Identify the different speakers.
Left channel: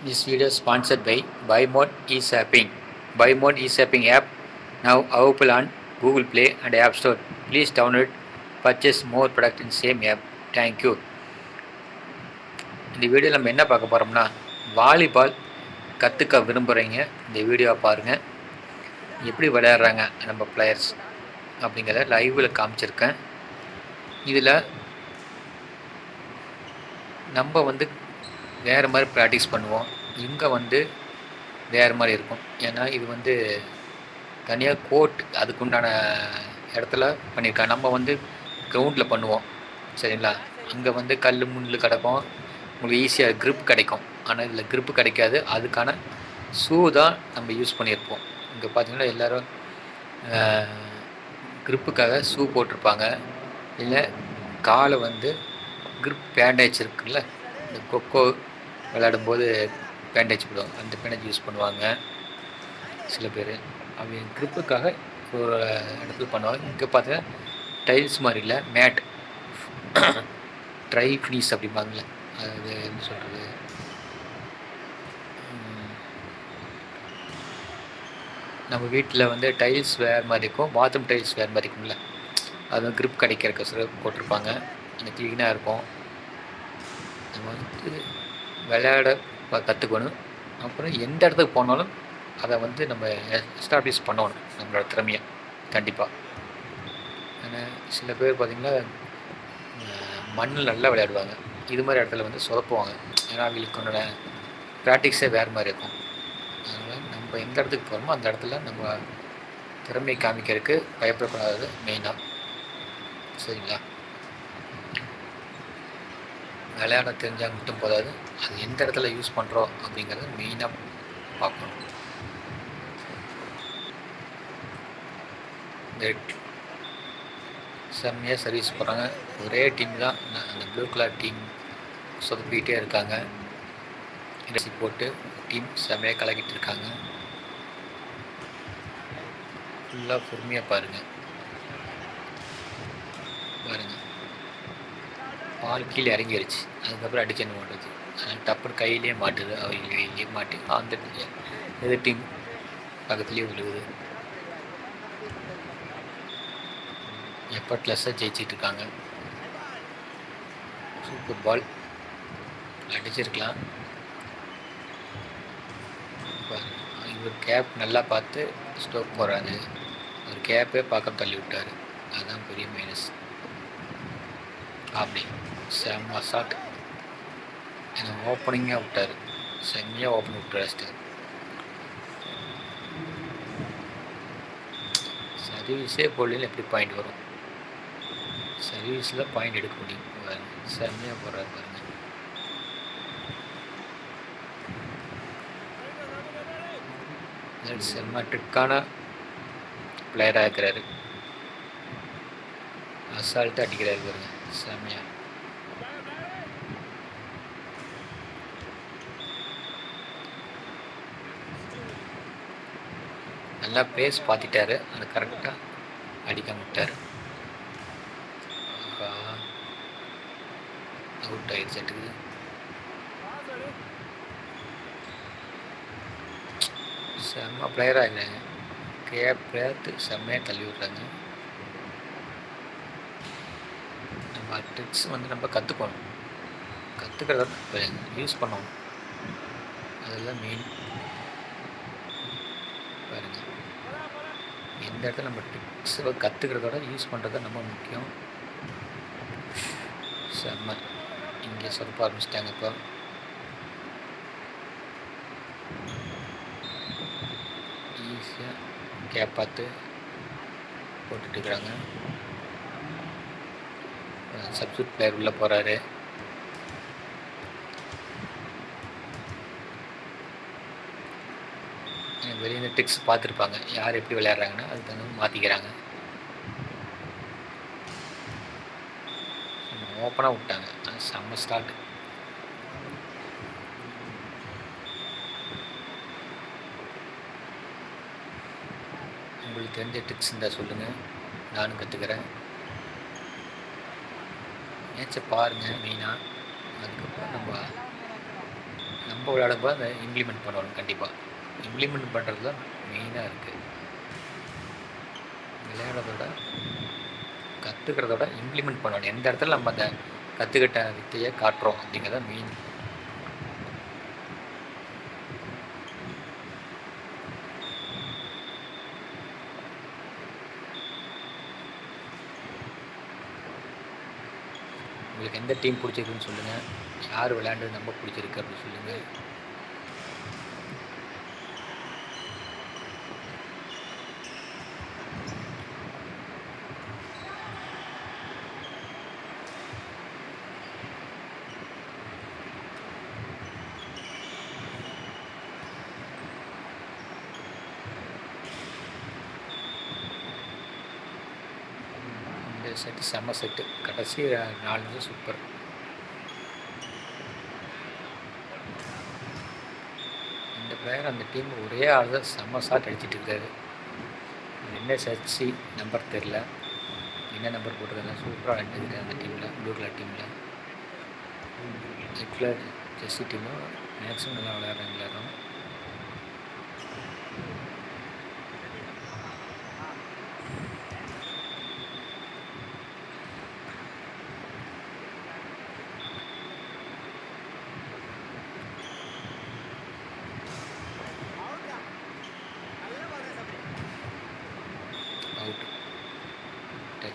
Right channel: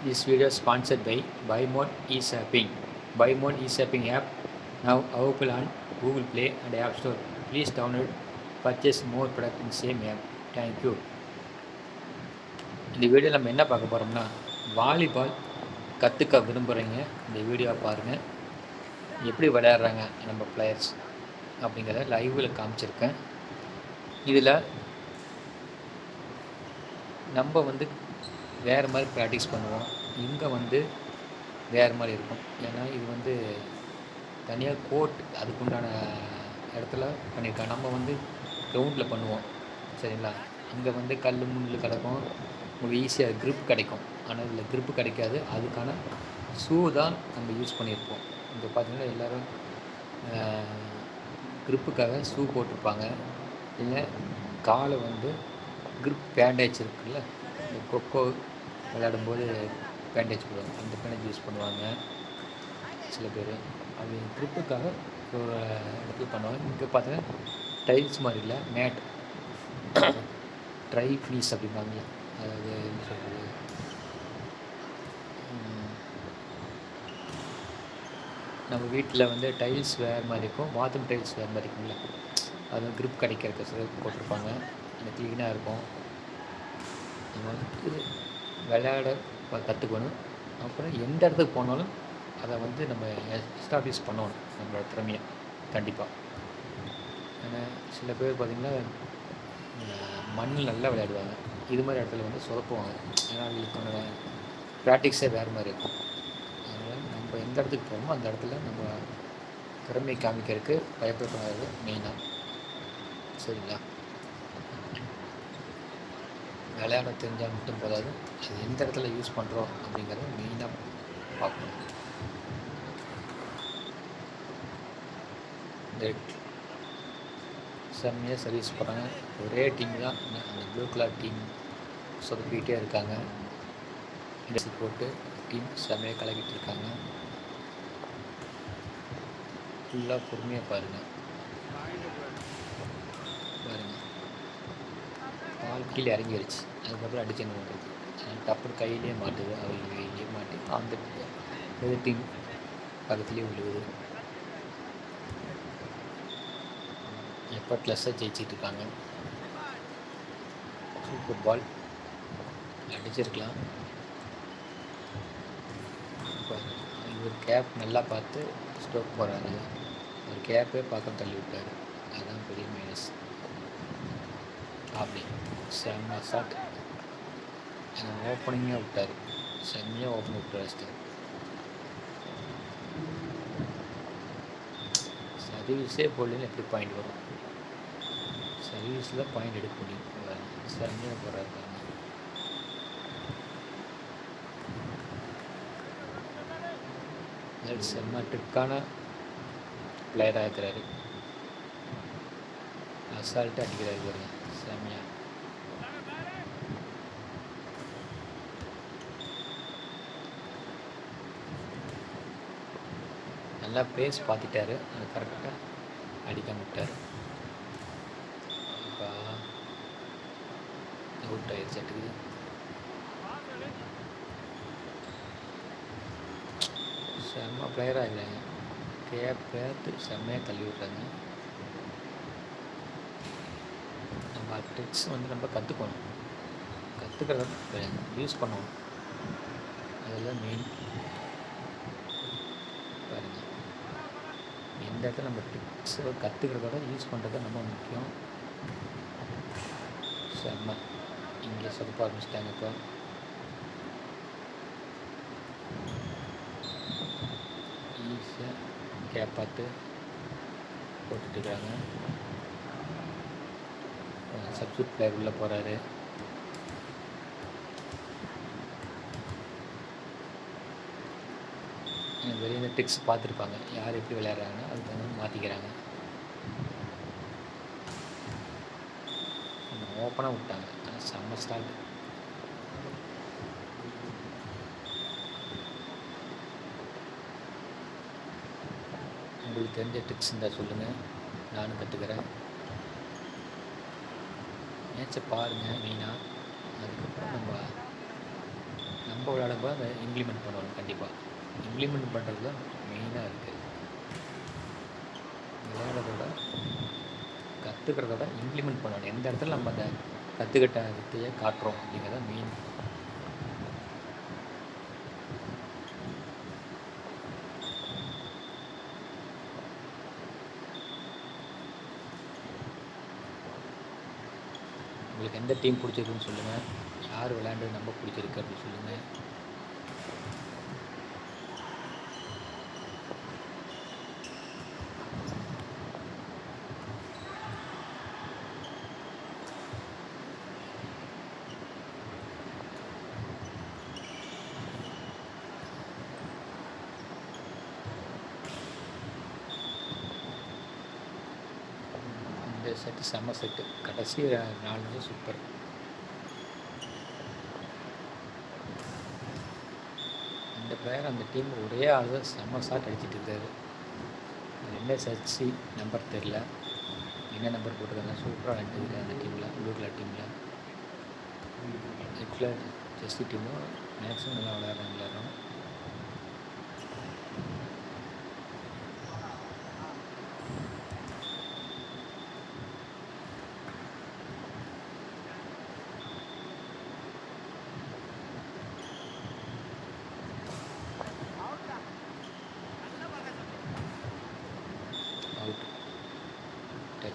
Speaker 1: This video is sponsored by BuyMode eShopping. BuyMode eShopping app now available on Google Play and App Store. Please download, purchase more product in same app. Thank you. இந்த video நம்ம என்ன பார்க்க போகிறோம்னா volleyball கற்றுக்க விரும்புகிறீங்க இந்த வீடியோவை பாருங்கள் எப்படி விளையாடுறாங்க நம்ம பிளேயர்ஸ் அப்படிங்கிறத லைவில் காமிச்சிருக்கேன் இதில் நம்ம வந்து வேறு மாதிரி ப்ராக்டிஸ் பண்ணுவோம். இங்கே வந்து வேறு மாதிரி இருக்கும். ஏன்னா இது வந்து தனியாக கோர்ட் அதுக்குண்டான இடத்துல பண்ணியிருக்காங்க நம்ம வந்து கிரவுண்டில் பண்ணுவோம். சரிங்களா? அங்கே வந்து கல் முள் கிடக்கும். உங்களுக்கு ஈஸியாக க்ரிப் கிடைக்கும். ஆனால் இதில் க்ரிப்பு கிடைக்காது. அதுக்கான ஷூ தான் நம்ம யூஸ் பண்ணியிருப்போம் இங்கே பார்த்தீங்கன்னா எல்லோரும் க்ரிப்புக்காக ஷூ போட்டிருப்பாங்க. இல்லை காலை வந்து க்ரிப் பேண்டேஜ் இருக்குல்ல? இந்த கொக்கோ விளையாடும்போது பேண்டேஜ் போடுவாங்க. அந்த பேண்டேஜ் யூஸ் பண்ணுவாங்க. சில பேர். அவங்க க்ரிப்புக்காக ஒரு இடத்துல பண்ணுவாங்க. இங்கே பார்த்தீங்கன்னா டைல்ஸ் மாதிரி இல்லை மேட் ட்ரை ஃபினிஷ் அப்படிம்பாங்களே அது என்ன சொல்கிறது நம்ம வீட்டில் வந்து டைல்ஸ் வேறு மாதிரி இருக்கும். பாத்ரூம் டைல்ஸ் வேறு மாதிரி இருக்கும்ல. அது க்ரிப் கிடைக்கிறக்க சில போட்டிருப்பாங்க. அந்த க்ளீனாக இருக்கும். நம்ம வந்து விளையாட கற்றுக்கணும் அப்புறம் எந்த இடத்துக்கு போனாலும் அதை வந்து நம்ம எஸ்டாப்ளிஷ் பண்ணணும் நம்மளோட திறமையை. கண்டிப்பாக ஆனால் சில பேர் பார்த்திங்கன்னா மண்ணில் நல்லா விளையாடுவாங்க. இது மாதிரி இடத்துல வந்து சொதப்புவாங்க. ஏன்னா அவங்களுக்கு ப்ராக்டிக்ஸே வேறு மாதிரி இருக்கும். அதனால் நம்ம எந்த இடத்துக்கு போகிறோமோ அந்த இடத்துல நம்ம திறமையை காமிக்கிறதுக்கு பயப்படக்கூடாது மெயினாக சரிங்களா? விளையாட தெரிஞ்சால் மட்டும் போதாது. அது எந்த இடத்துல யூஸ் பண்ணுறோம் அப்படிங்கிறத மெயினாக பார்க்கணும். இந்த செம்மையாக சர்வீஸ் போகிறாங்க ஒரே டீம் தான். அந்த ப்ளூ கலர் டீம் சொதப்பிக்கிட்டே இருக்காங்க. இண்டஸ்ட்ரி போட்டு டீம் செம்மையாக கலக்கிட்டு இருக்காங்க. ஃபுல்லாக பொறுமையாக பாருங்கள் பால் கீழே இறங்கிருச்சு. அதுக்கப்புறம் அடிச்சு என்ன பண்ணுறது டப்புன்னு கையிலே மாட்டுது. அவங்க கையிலேயே மாட்டி அந்த எதிர் டீம். பக்கத்துலேயே விழுகுது. எஃபர்ட்லெஸ்ஸாக ஜெயிச்சிட்டு இருக்காங்க சூப்பர் பால் அடிச்சிருக்கலாம் இவர் கேப் நல்லா பார்த்து ஸ்டோக் போகிறாரு அவர் கேப்பே பார்க்க தள்ளி விட்டார். அதுதான் பெரிய மைனஸ் அப்படி. செம்ம ஷாட் எனக்கு ஓப்பனிங்காக விட்டார். செம்மையாக ஓப்பன் விட்டு அடிச்சிட்டார் சர்வீஸே போடலன்னு எப்படி பாயிண்ட் வரும்? சர்வீஸில் பாயிண்ட் எடுக்க முடியும். செம்மையாக போடுறாரு பாருங்க. செம்ம ட்ரிக்கான பிளேயராக இருக்கிறாரு. அசால்ட்டாக அடிக்கிறாரு பாருங்க. செம்மையா நல்லா பேஸ் பார்த்துட்டாரு. அது கரெக்டாக அடிக்க விட்டார். அவுட் ஆயிடுச்சு செட்டுக்கு செம்ம பிளேயராக இருக்கிறாங்க கே பேர்த்து செம்மையாக தள்ளி விட்றாங்க. நம்ம ட்ரிக்ஸ் வந்து நம்ம கற்றுக்கணும் கற்றுக்கிறத யூஸ் பண்ணணும். அதெல்லாம் மெயின் பாருங்கள் எந்த இடத்துல நம்ம டிப்ஸை கற்றுக்கிறதோட யூஸ் பண்ணுறது ரொம்ப முக்கியம். செம்ம. இங்கே சொதப்ப ஆரம்பிச்சிட்டாங்க இப்போ. ஈஸியாக கேப் பார்த்து போட்டுட்டுருக்குறாங்க சப்ஸ்டியூட் பிளேயர் உள்ளே போகிறாரு வெளியே டிக்ஸ் பார்த்துருப்பாங்க. யார் எப்படி விளையாடுறாங்கன்னா அதுக்கு தகுந்த மாற்றிக்கிறாங்க ஓப்பனாக விட்டாங்க. செம்ம ஸ்டார்ட் உங்களுக்கு தெரிஞ்ச டிப்ஸ் இருந்தால் சொல்லுங்கள் நானும் கற்றுக்கிறேன் மேட்சை பாருங்கள் மெயினாக அதுக்கப்புறம் நம்ம நம்ம விளையாடும்போது அதை இம்ப்ளிமெண்ட் பண்ணணும் கண்டிப்பாக இம்ப்ளிமெண்ட் பண்ணுறது தான் மெயினாக இருக்குது விளையாடுறதோட கற்றுக்கிறதோட இம்ப்ளிமெண்ட் பண்ணணும். எந்த இடத்துல நம்ம அந்த கற்றுக்கிட்ட வித்தையை காட்டுறோம் அப்படிங்கிறத மெயின் உங்களுக்கு எந்த டீம் பிடிச்சிருக்குன்னு சொல்லுங்கள் யார் விளையாண்டு ரொம்ப பிடிச்சிருக்கு அப்படின்னு சொல்லுங்கள் இந்த செட்டு செம செட்டு கடைசி நாலு வந்து சூப்பர் இந்த பிளேயர் அந்த டீம் ஒரே ஆள் தான் செம்ம ஷாட் அடிச்சிட்டு இருக்காரு. என்ன சர்ச்சி நம்பர் தெரில என்ன நம்பர் போட்டிருக்காங்க சூப்பராக விளையாண்டுருக்காரு அந்த டீமில் உள்ளூரில் டீமில் இப்போ ஜெர்சி டீமும் மேக்ஸிமம் நல்லா விளையாடுறாங்க எல்லாரும்.